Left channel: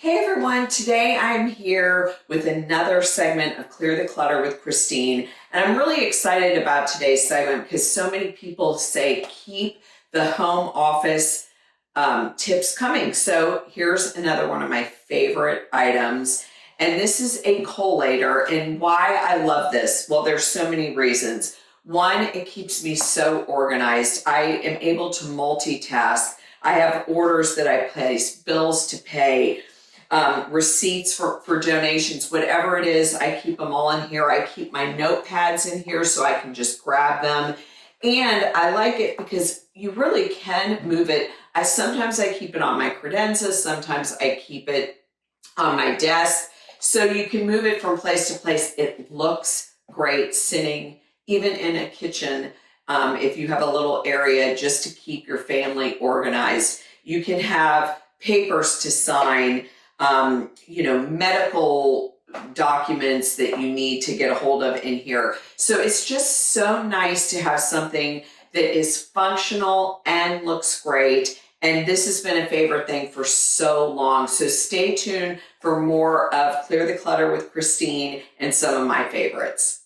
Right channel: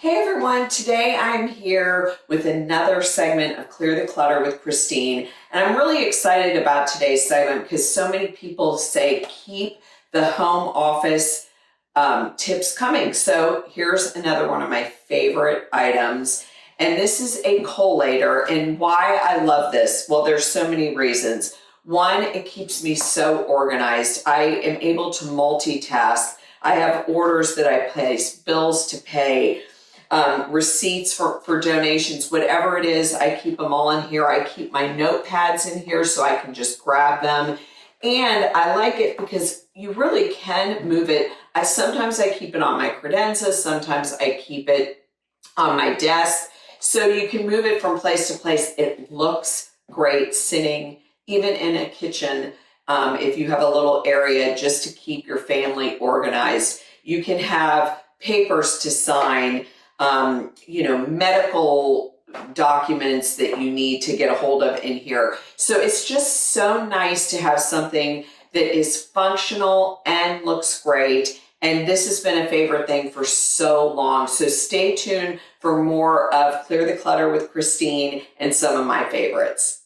Hey everyone, today I'm here with another segment of Clear the Clutter with Christine, and I'm really excited about today's segment because so many people say keep the home office tips coming. So here's another one of my favorite items, and this is a collator. And why I love this? Well, there's so many reasons. One, it keeps me so organized. I am able to multitask. I have orders that I place, bills to pay, receipts for donations, whatever it is, I keep them all in here. I keep my notepads in here so I can just grab them. And I like it because you really can move it. Sometimes I keep it on my credenza, sometimes I keep it on my desk. So you can move it from place to place. It looks great sitting even in a kitchen. If you have a little area just to keep your family organized, you can have papers to sign, medical documents that you need to get a hold of in here. So it's just so nice to have something that is functional and looks great. And this has been a favorite thing for so long. So stay tuned for more of Clear the Clutter with Christine and some of my favorites.